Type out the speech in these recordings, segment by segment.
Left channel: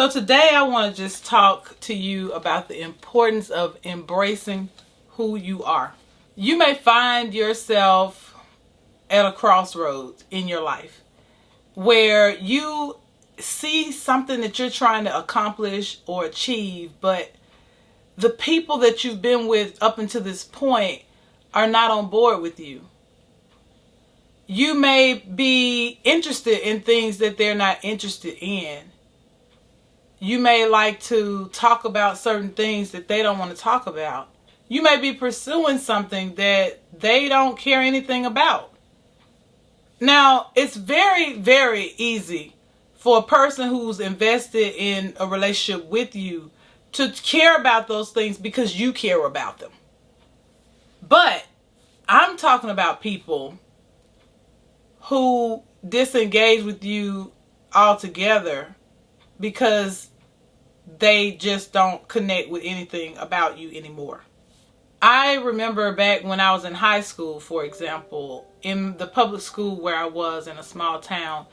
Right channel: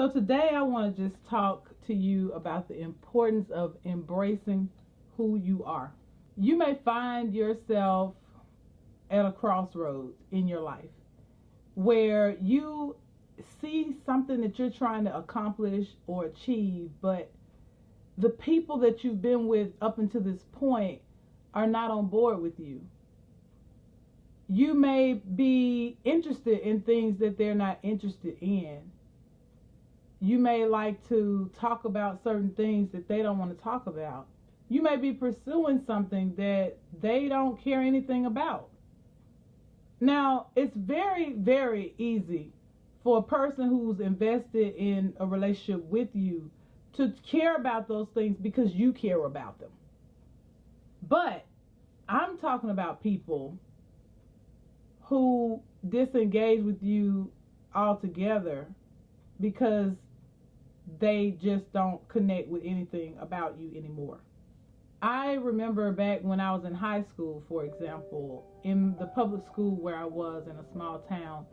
So today I want to just talk to you about the importance of embracing who you are. You may find yourself at a crossroads in your life where you see something that you're trying to accomplish or achieve, but the people that you've been with up until this point are not on board with you. You may be interested in things that they're not interested in. You may like to talk about certain things that they don't want to talk about. You may be pursuing something that they don't care anything about. Now, it's very, very easy for a person who's invested in a relationship with you to care about those things because you care about them. But I'm talking about people who disengage with you altogether because they just don't connect with anything about you anymore. I remember back when I was in high school, for example, in the public school where I was in a small town,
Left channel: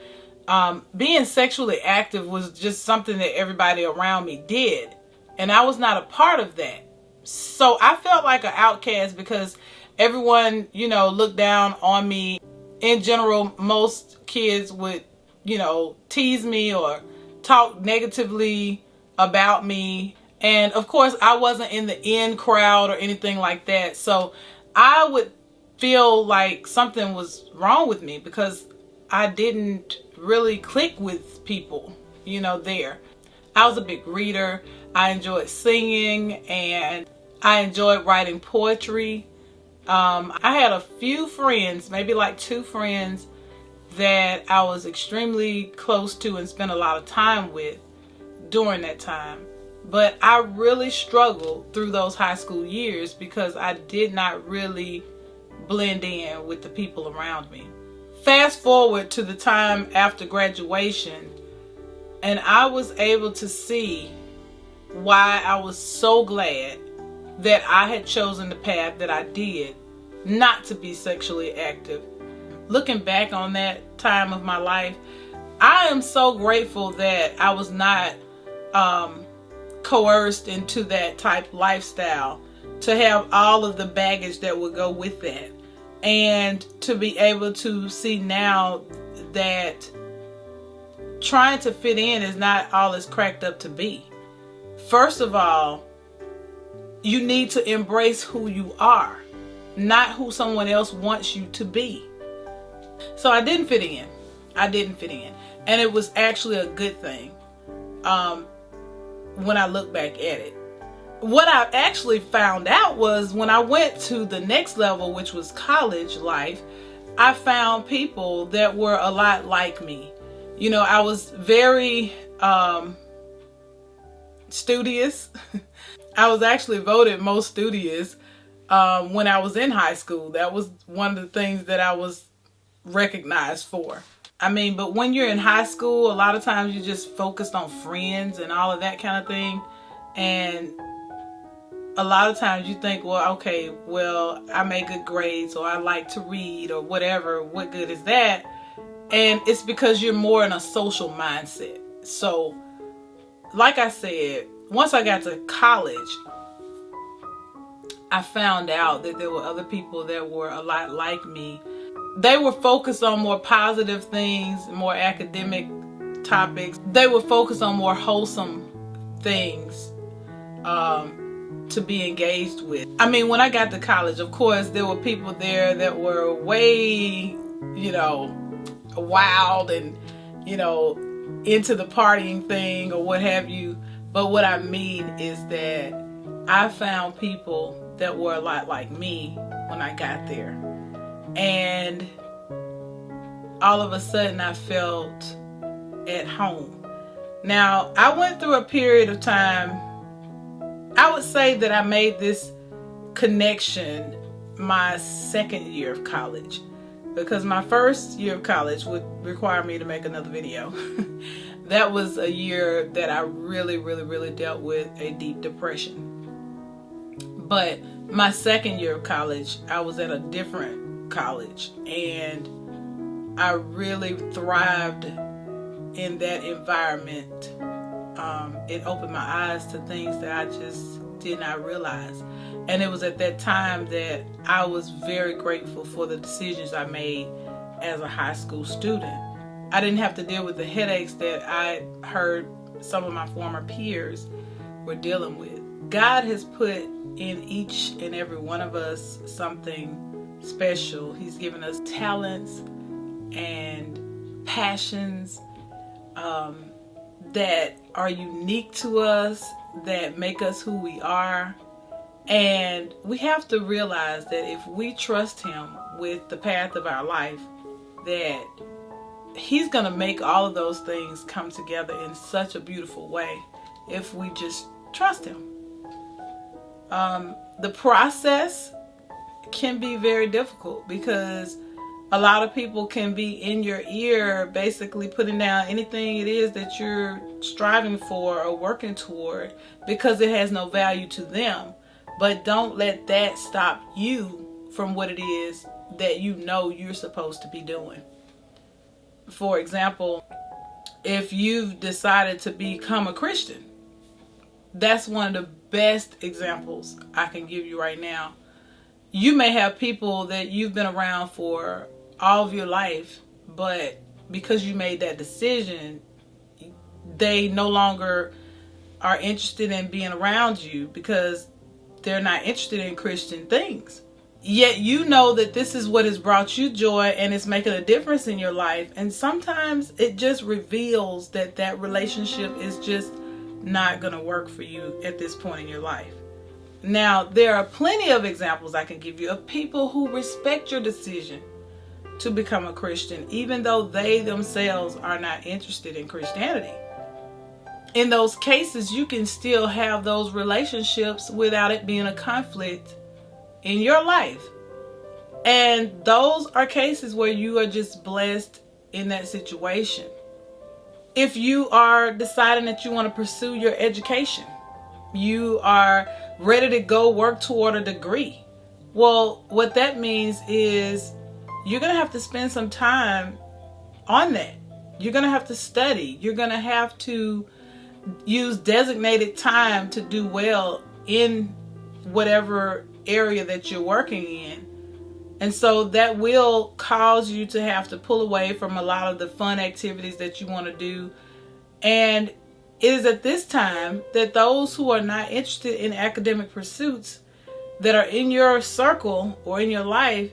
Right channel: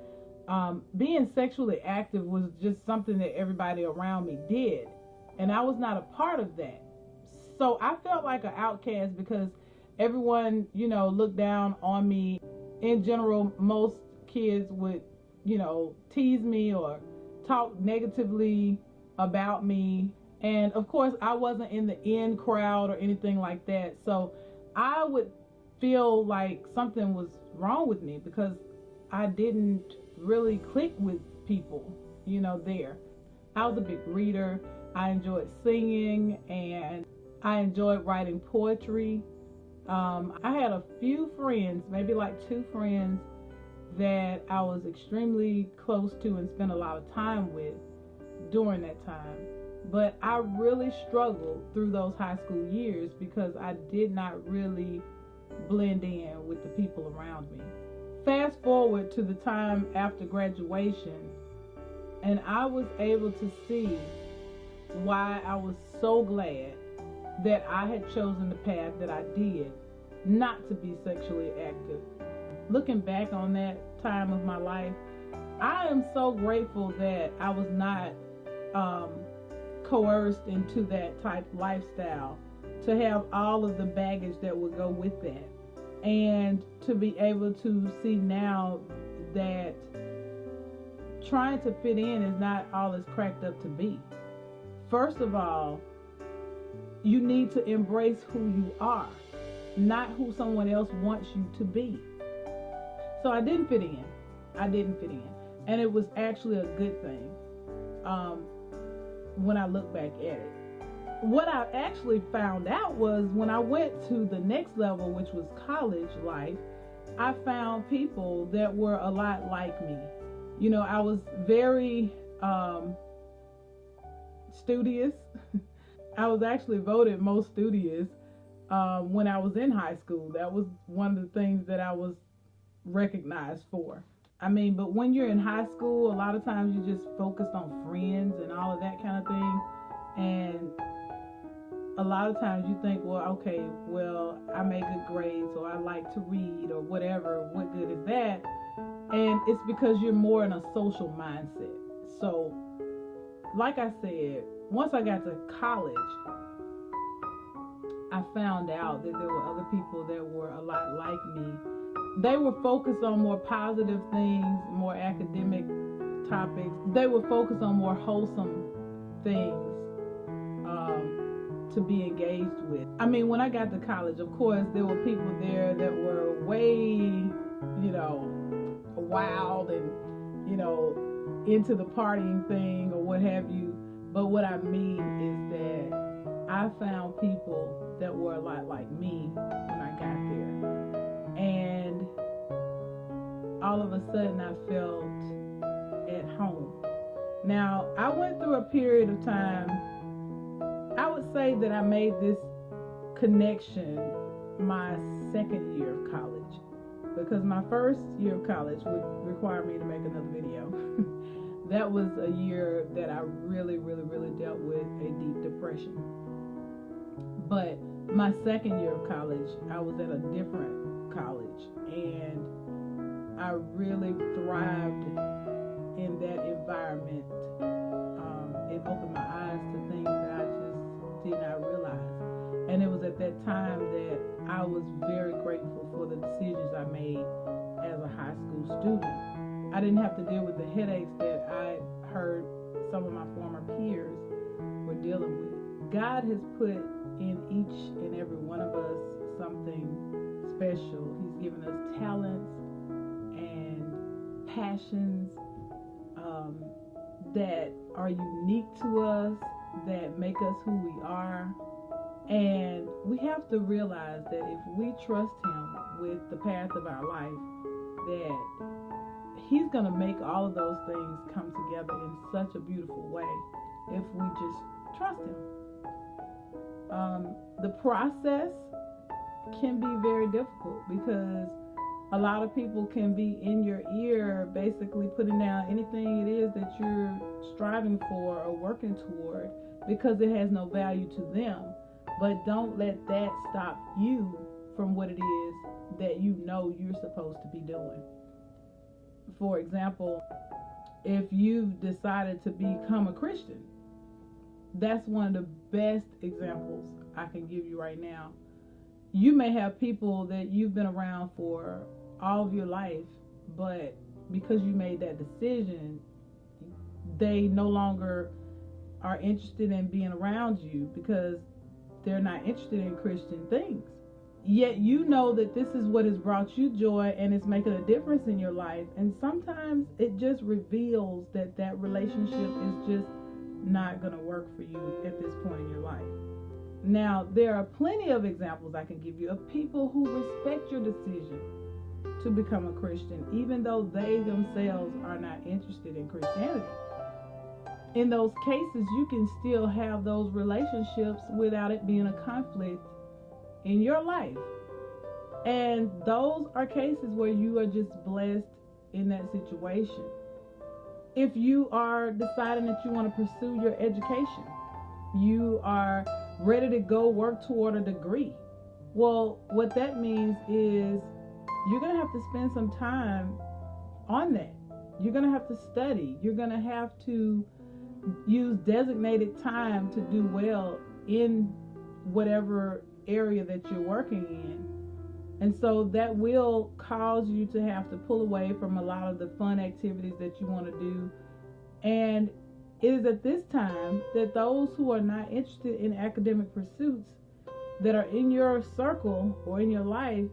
being sexually active was just something that everybody around me did. And I was not a part of that. So I felt like an outcast because everyone, looked down on me. In general, most kids would, tease me or talk negatively about me. And of course, I wasn't in the in crowd or anything like that. So I would feel like something was wrong with me because I didn't really click with people, there. I was a big reader. I enjoyed singing and I enjoyed writing poetry. I had a few friends, maybe like 2 friends that I was extremely close to and spent a lot of time with during that time. But I really struggled through those high school years because I did not really blend in with the people around me. Fast forward to the time after graduation, and I was able to see why I was so glad that I had chosen the path that I did, not to be sexually active. Looking back on that time of my life, I am so grateful that I was not coerced into that type lifestyle, to have all of the baggage that would go with that, and to be able to see now that trying to fit in is not all it's cracked up to be. First of all, you need to embrace who you are, not who someone else wants you to be. So I didn't fit in. And it was actually a good thing when I look back at it. What I actually found out was when I went to the next level, which was college life, I found people that were a lot like me. I was very studious. I was actually voted most studious when I was in high school. That was one of the things that I was recognized for. But when you're in high school, a lot of times you just focused on friends and all of that kind of thing. And a lot of times you think, I make good grades, or I like to read, or whatever. What good is that? And it's because you're more in a social mindset. So, like I said, once I got to college, I found out that there were other people that were a lot like me. They were focused on more positive things, more academic topics. They were focused on more wholesome things to be engaged with. When I got to college, of course, there were people there that were way, wild and, into the partying thing or what have you. But what I mean is that I found people that were a lot like me when I got there. And all of a sudden I felt at home. Now, I went through a period of time, I would say that I made this connection my second year of college, because my first year of college would require me to make another video. That was a year that I really, really, really dealt with a deep depression. But my second year of college, I was at a different college, and I really thrived in that environment. it opened my eyes to things that I just did not realize. And it was at that time that I was very grateful for the decisions I made as a high school student. I didn't have to deal with the headaches that I heard some of my former peers were dealing with. God has put in each and every one of us something special. He's given us talents and passions that are unique to us, that make us who we are. And we have to realize that if we trust Him with the path of our life, that He's going to make all of those things come together in such a beautiful way if we just trust Him. The process can be very difficult because a lot of people can be in your ear basically putting down anything it is that you're striving for or working toward because it has no value to them. But don't let that stop you from what it is that you know you're supposed to be doing. For example, if you've decided to become a Christian, that's one of the best examples I can give you right now. You may have people that you've been around for all of your life, but because you made that decision, they no longer are interested in being around you because they're not interested in Christian things. Yet you know that this is what has brought you joy and it's making a difference in your life. And sometimes it just reveals that that relationship is just not going to work for you at this point in your life. Now, there are plenty of examples I can give you of people who respect your decision to become a Christian, even though they themselves are not interested in Christianity. In those cases, you can still have those relationships without it being a conflict in your life. And those are cases where you are just blessed in that situation. If you are deciding that you want to pursue your education, you are ready to go work toward a degree. Well, what that means is you're going to have to spend some time on that. You're going to have to study. You're going to have to use designated time to do well in whatever area that you're working in. And so that will cause you to have to pull away from a lot of the fun activities that you want to do. And it is at this time that those who are not interested in academic pursuits that are in your circle or in your life,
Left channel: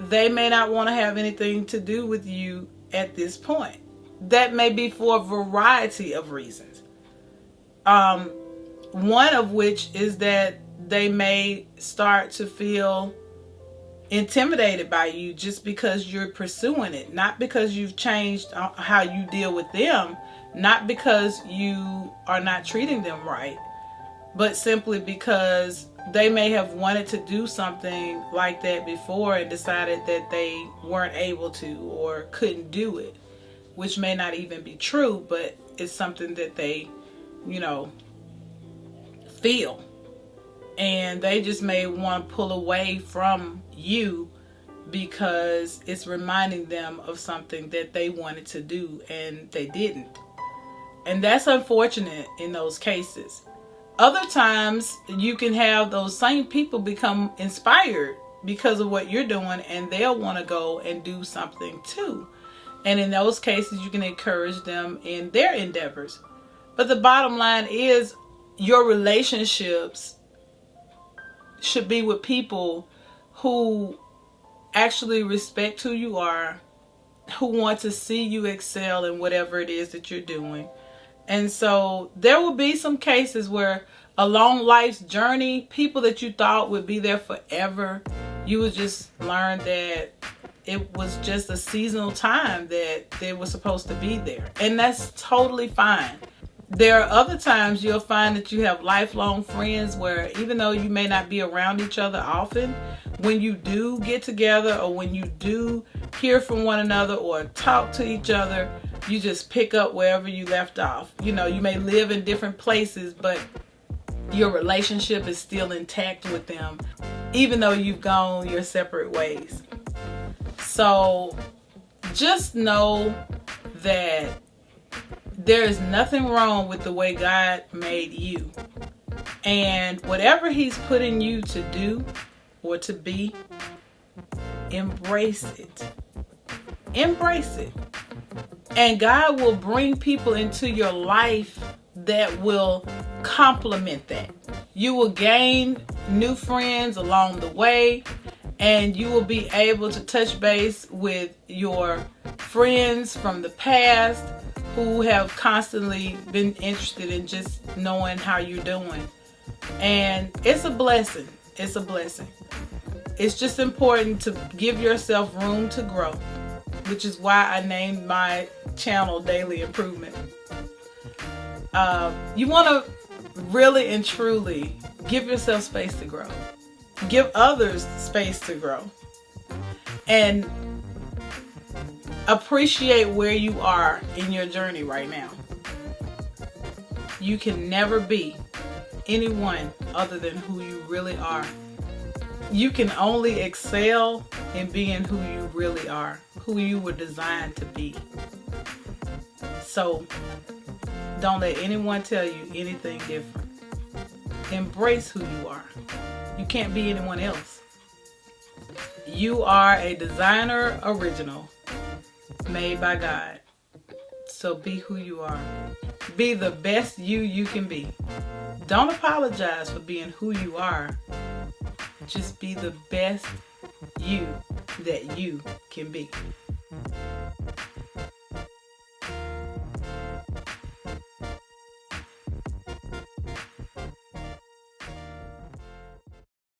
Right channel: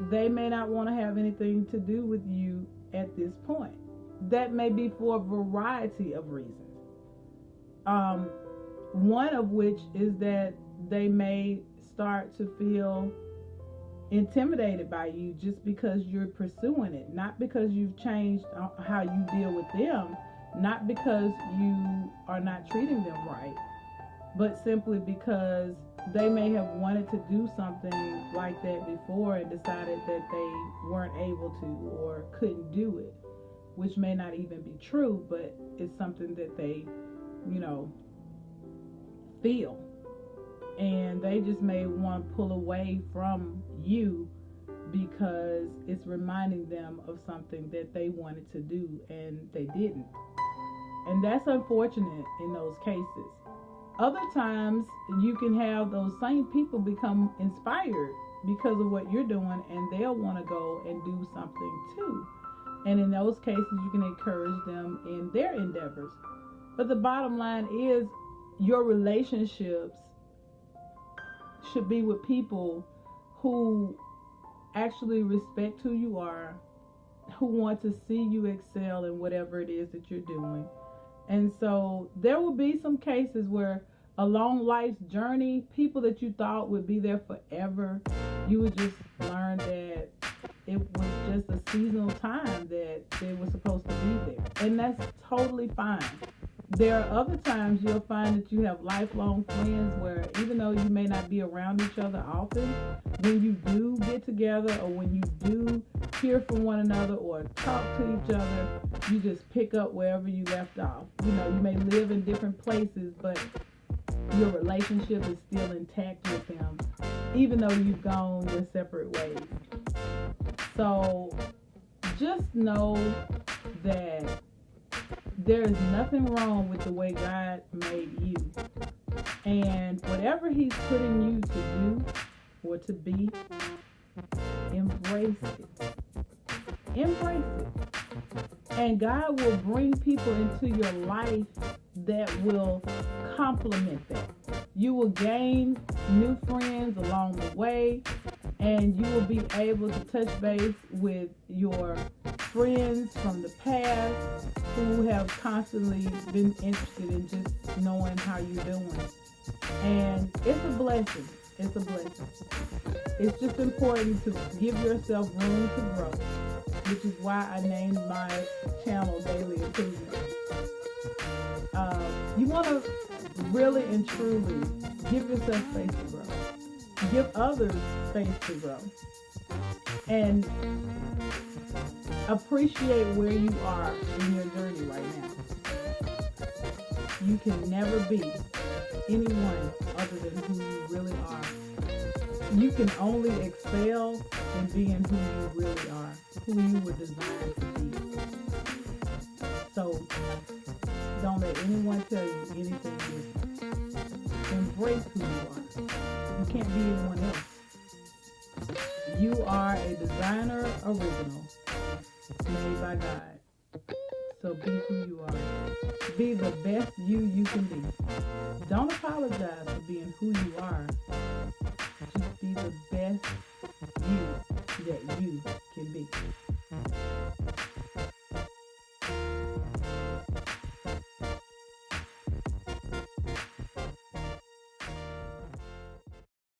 they may not want to have anything to do with you at this point. That may be for a variety of reasons. One of which is that they may start to feel intimidated by you just because you're pursuing it, not because you've changed how you deal with them, not because you are not treating them right, but simply because they may have wanted to do something like that before and decided that they weren't able to or couldn't do it, which may not even be true, but it's something that they, feel. And they just may want to pull away from you because it's reminding them of something that they wanted to do and they didn't. And that's unfortunate in those cases. Other times you can have those same people become inspired because of what you're doing and they'll want to go and do something too. And in those cases you can encourage them in their endeavors. But the bottom line is your relationships should be with people who actually respect who you are, who want to see you excel in whatever it is that you're doing. And so there will be some cases where along life's journey, people that you thought would be there forever, you would just learn that it was just a seasonal time that they were supposed to be there. And that's totally fine. There are other times you'll find that you have lifelong friends where even though you may not be around each other often, when you do get together or when you do hear from one another or talk to each other, you just pick up wherever you left off. You may live in different places, but your relationship is still intact with them, even though you've gone your separate ways. So just know that There is nothing wrong with the way God made you. And whatever He's putting you to do or to be, embrace it. Embrace it. And God will bring people into your life that will complement that. You will gain new friends along the way, and you will be able to touch base with your friends from the past who have constantly been interested in just knowing how you're doing. And it's a blessing. It's a blessing. It's just important to give yourself room to grow, which is why I named my channel Daily Improvement. You want to really and truly give yourself space to grow. Give others space to grow. And appreciate where you are in your journey right now. You can never be anyone other than who you really are. You can only excel in being who you really are, who you were designed to be. So don't let anyone tell you anything different. Embrace who you are. You can't be anyone else. You are a designer original made by God. So be who you are. Be the best you can be. Don't apologize for being who you are. Just be the best you that you can be.